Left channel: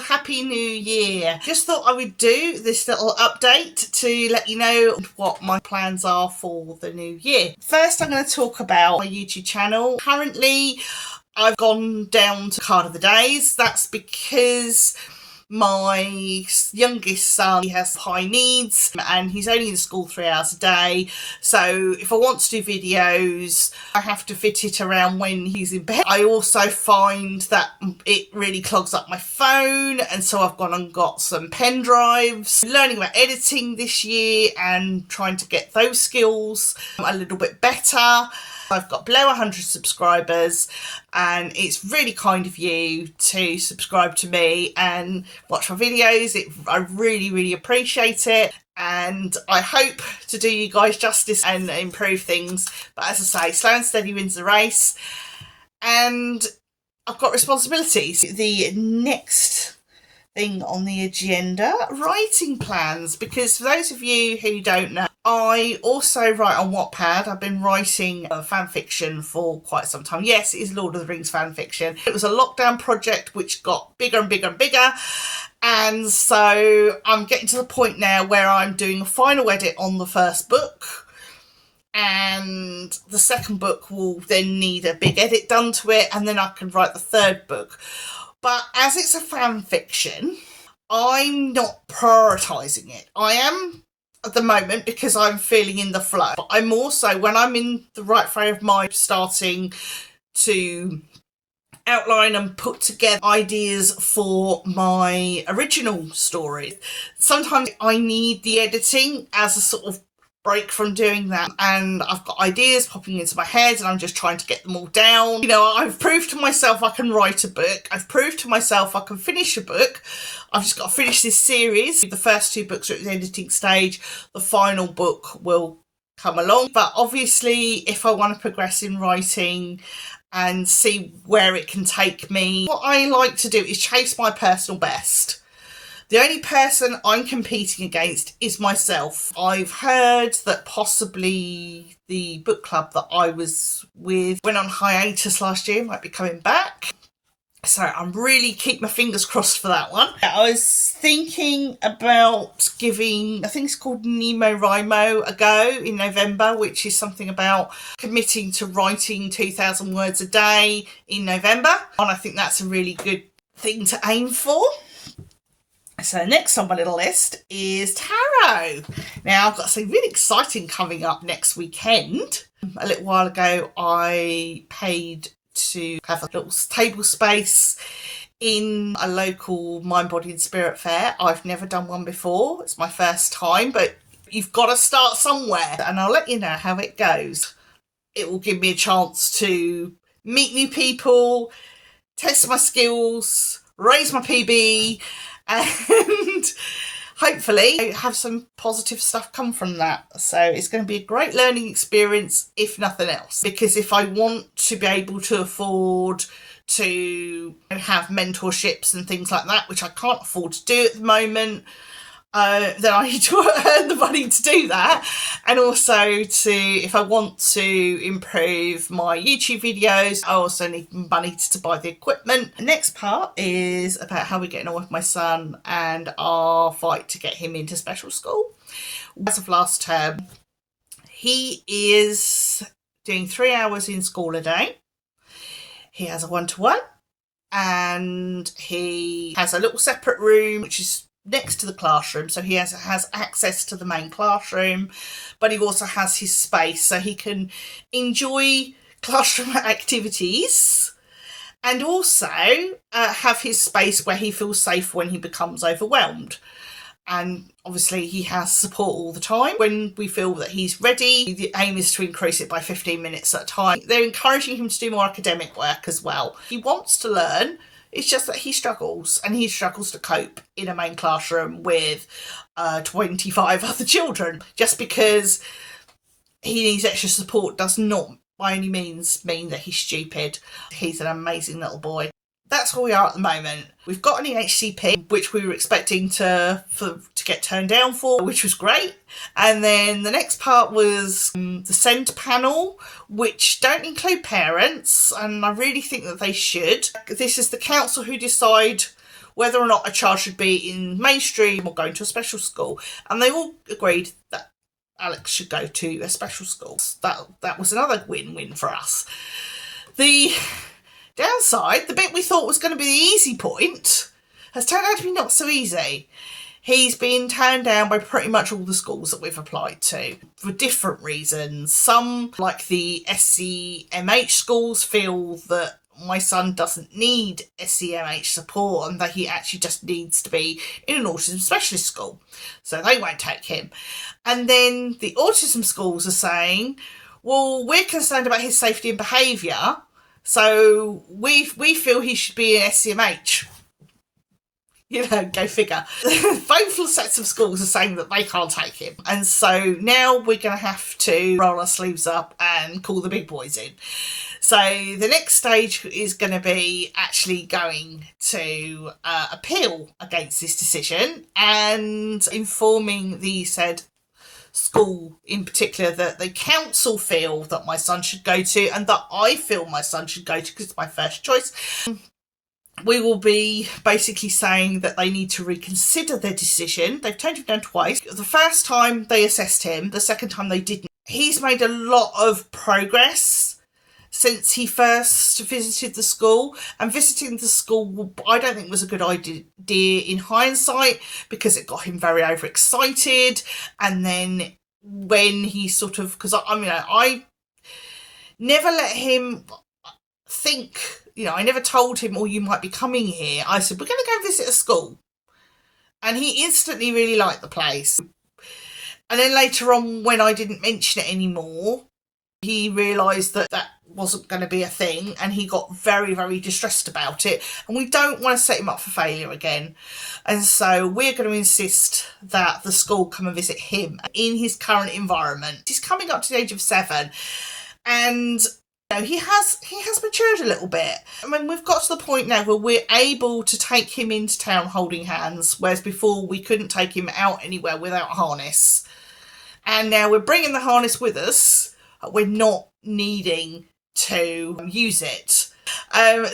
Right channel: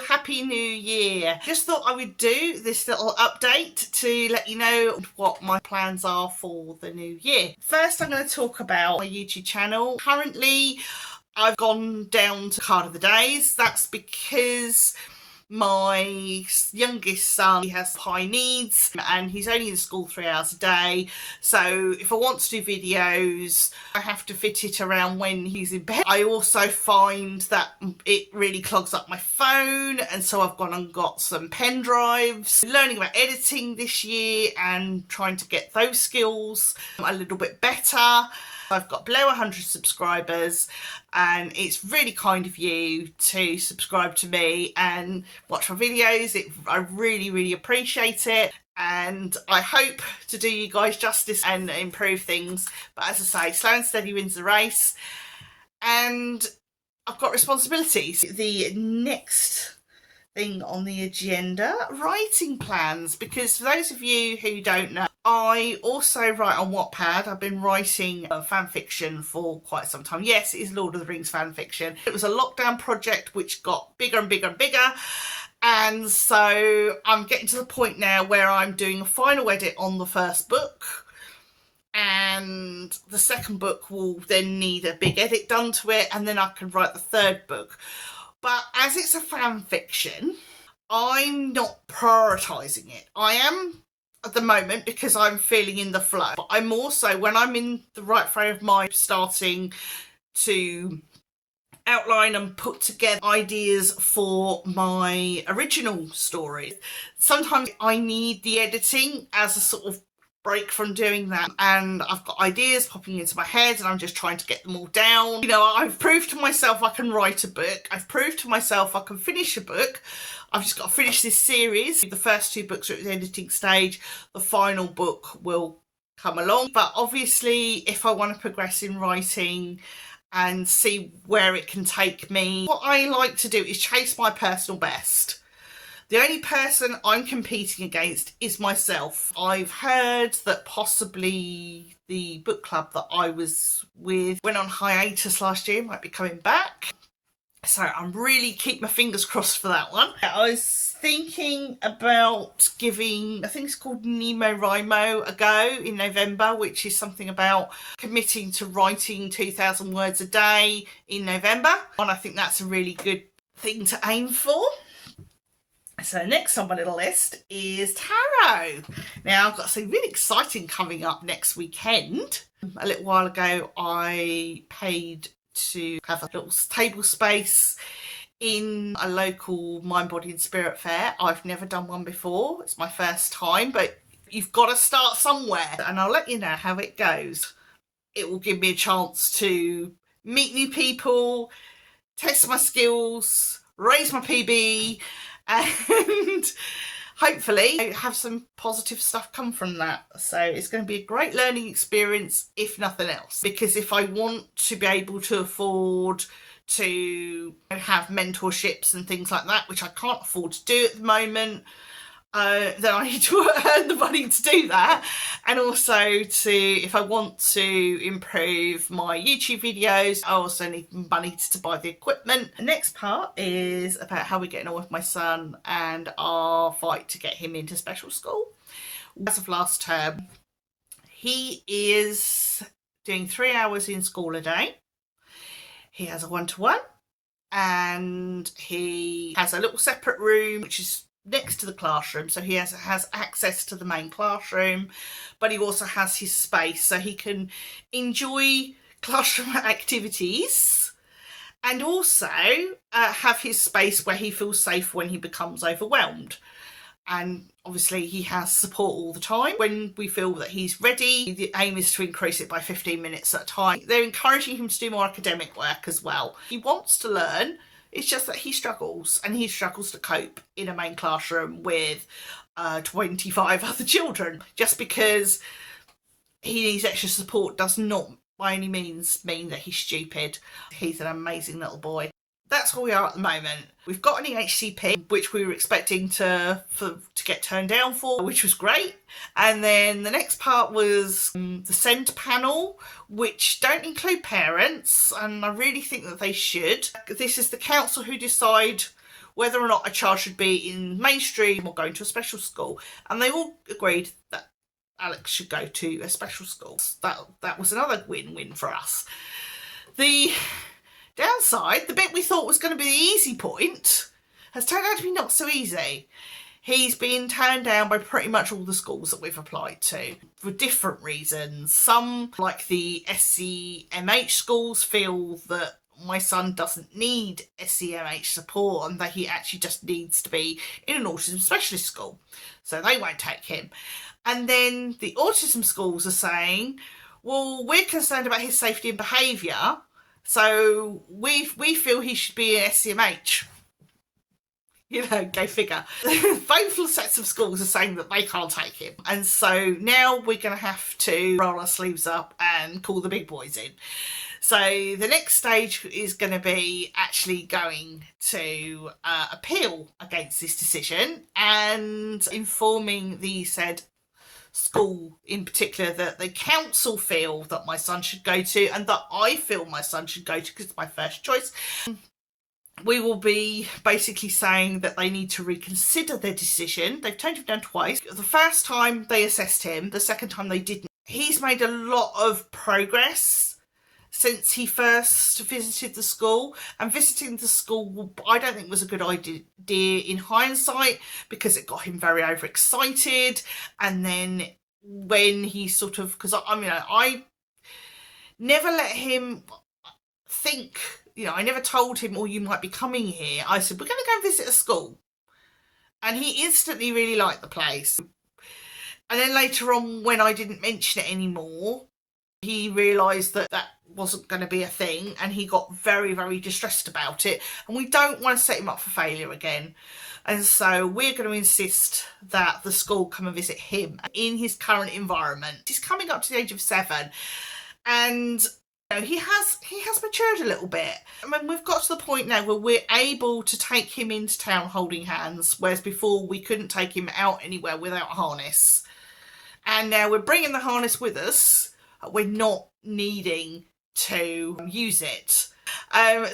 Happy New Year. Just thought I would do this little update to let you know what my plans are for the new year. First, I'm going to talk about my YouTube channel. Currently, I've gone down to card of the days. That's because my youngest son, he has high needs and he's only in school 3 hours a day. So if I want to do videos, I have to fit it around when he's in bed. I also find that it really clogs up my phone, and so I've gone and got some pen drives. Learning about editing this year and trying to get those skills a little bit better. I've got below 100 subscribers, and it's really kind of you to subscribe to me and watch my videos. I really appreciate it, and I hope to do you guys justice and improve things. But as I say, slow and steady wins the race, and I've got responsibilities. The next thing on the agenda, writing plans, because for those of you who don't know, I also write on Wattpad. I've been writing fan fiction for quite some time. Yes, it is Lord of the Rings fan fiction. It was a lockdown project which got bigger and bigger and bigger, and so I'm getting to the point now where I'm doing a final edit on the first book, and the second book will then need a big edit done to it, and then I can write the third book. But as it's a fan fiction, I'm not prioritising it. I am at the moment because I'm feeling in the flow. But I'm also, when I'm in the right frame of mind, starting to outline and put together ideas for my original story. Sometimes I need the editing as a sort of break from doing that, and I've got ideas popping into my head and I'm just trying to get them all down. You know, I've proved to myself I can write a book. I've proved to myself I can finish a book. I've just got to finish this series. The first 2 books are at the editing stage. The final book will come along. But obviously, if I want to progress in writing and see where it can take me, what I like to do is chase my personal best. The only person I'm competing against is myself. I've heard that possibly the book club that I was with went on hiatus last year, might be coming back. So I'm really keep my fingers crossed for that one. I was thinking about giving, I think it's called NaNoWriMo, a go in November, which is something about committing to writing 2,000 words a day in November. And I think that's a really good thing to aim for. So next on my little list is tarot. Now I've got something really exciting coming up next weekend. A little while ago I paid to have a little table space in a local mind, body and spirit fair. I've never done one before. It's my first time, but you've got to start somewhere, and I'll let you know how it goes. It will give me a chance to meet new people, test my skills, raise my PB, and hopefully have some positive stuff come from that. So it's going to be a great learning experience, if nothing else, because if I want to be able to afford to have mentorships and things like that, which I can't afford to do at the moment, then I need to earn the money to do that. And also if I want to improve my YouTube videos, I also need money to buy the equipment. The next part is about how we're getting on with my son and our fight to get him into special school. As of last term, he is doing 3 hours in school a day. He has a 1-to-1, and he has a little separate room which is next to the classroom, so he has access to the main classroom, but he also has his space so he can enjoy classroom activities and also have his space where he feels safe when he becomes overwhelmed. And obviously he has support all the time. When we feel that he's ready, the aim is to increase it by 15 minutes at a time. They're encouraging him to do more academic work as well. He wants to learn. It's just that he struggles, and he struggles to cope in a main classroom with 25 other children. Just because he needs extra support does not by any means mean that he's stupid. He's an amazing little boy. That's where we are at the moment. We've got an EHCP, which we were expecting to get turned down for, which was great. And then the next part was the SEND panel, which don't include parents, and I really think that they should. This is the council who decide whether or not a child should be in mainstream or going to a special school. And they all agreed that Alex should go to a special school. That was another win-win for us. The downside, the bit we thought was going to be the easy point, has turned out to be not so easy. He's been turned down by pretty much all the schools that we've applied to for different reasons. Some, like the SEMH schools, feel that my son doesn't need SEMH support and that he actually just needs to be in an autism specialist school. So they won't take him. And then the autism schools are saying, well, we're concerned about his safety and behaviour, so we feel he should be in SEMH. You know, go figure. Both sets of schools are saying that they can't take him. And so now we're going to have to roll our sleeves up and call the big boys in. So the next stage is going to be actually going to appeal against this decision and informing the said school in particular that the council feel that my son should go to and that I feel my son should go to because it's my first choice. We will be basically saying that they need to reconsider their decision. They've turned him down twice. The first time they assessed him, the second time they didn't. He's made a lot of progress since he first visited the school, and visiting the school I don't think was a good idea in hindsight because it got him very overexcited. And then when he sort of, because I never let him think, I never told him, oh, you might be coming here. I said, we're going to go and visit a school. And he instantly really liked the place. And then later on, when I didn't mention it anymore, he realised that that wasn't going to be a thing. And he got very, very distressed about it. And we don't want to set him up for failure again. And so we're going to insist that the school come and visit him in his current environment. He's coming up to the age of 7. And he has matured a little bit. I mean, we've got to the point now where we're able to take him into town holding hands, whereas before we couldn't take him out anywhere without a harness. And now we're bringing the harness with us. We're not needing to use it.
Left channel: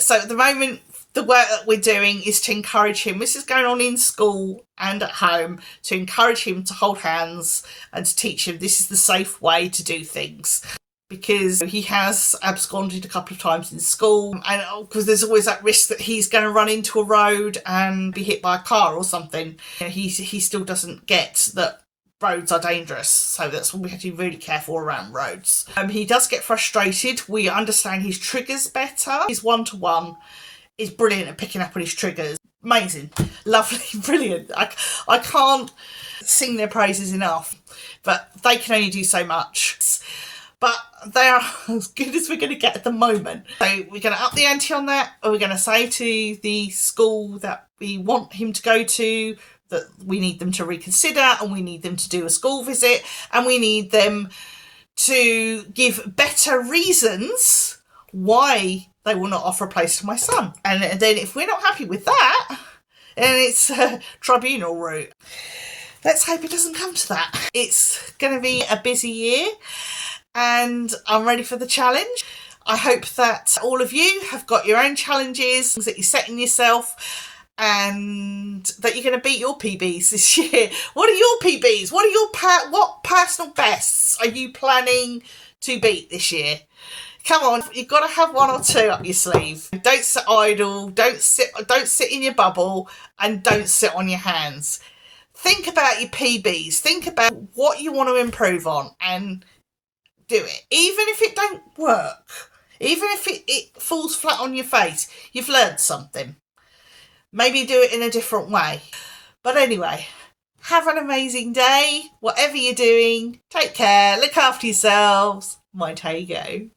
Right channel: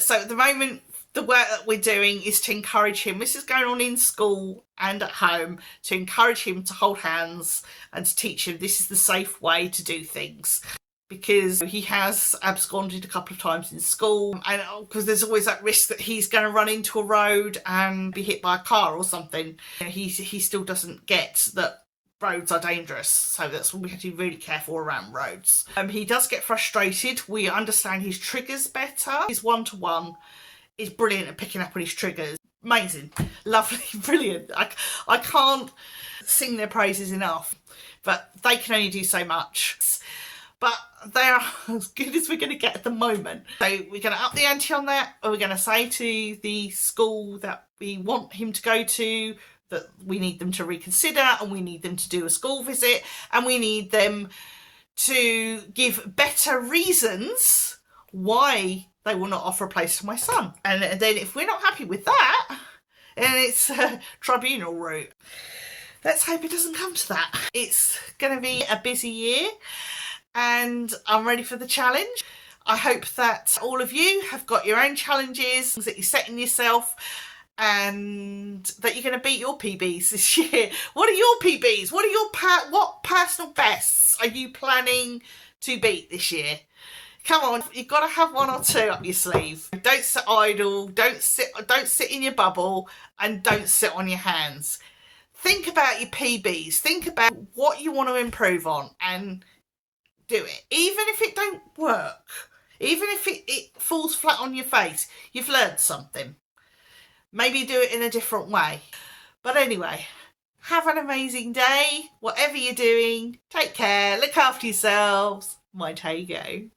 So at the moment, the work that we're doing is to encourage him. This is going on in school and at home, to encourage him to hold hands and to teach him this is the safe way to do things. Because he has absconded a couple of times in school, and because there's always that risk that he's going to run into a road and be hit by a car or something. He still doesn't get that roads are dangerous, so that's when we have to be really careful around roads. He does get frustrated. We understand his triggers better. His one-to-one is brilliant at picking up on his triggers. Amazing, lovely, brilliant. I can't sing their praises enough, but they can only do so much. But they are as good as we're going to get at the moment. So we're going to up the ante on that, or we're going to say to the school that we want him to go to that we need them to reconsider, and we need them to do a school visit, and we need them to give better reasons why they will not offer a place to my son. And then if we're not happy with that, then it's a tribunal route. Let's hope it doesn't come to that. It's going to be a busy year, and I'm ready for the challenge. I hope that all of you have got your own challenges that you're setting yourself, and that you're going to beat your PBs this year. What are your PBs? What are your what personal bests are you planning to beat this year? Come on, you've got to have one or two up your sleeve. Don't sit idle, don't sit in your bubble, and don't sit on your hands. Think about your PBs. Think about what you want to improve on and do it. Even if it don't work, even if it falls flat on your face, you've learned something. Maybe do it in a different way. But anyway, have an amazing day. Whatever you're doing, take care, look after yourselves. Mind how you go.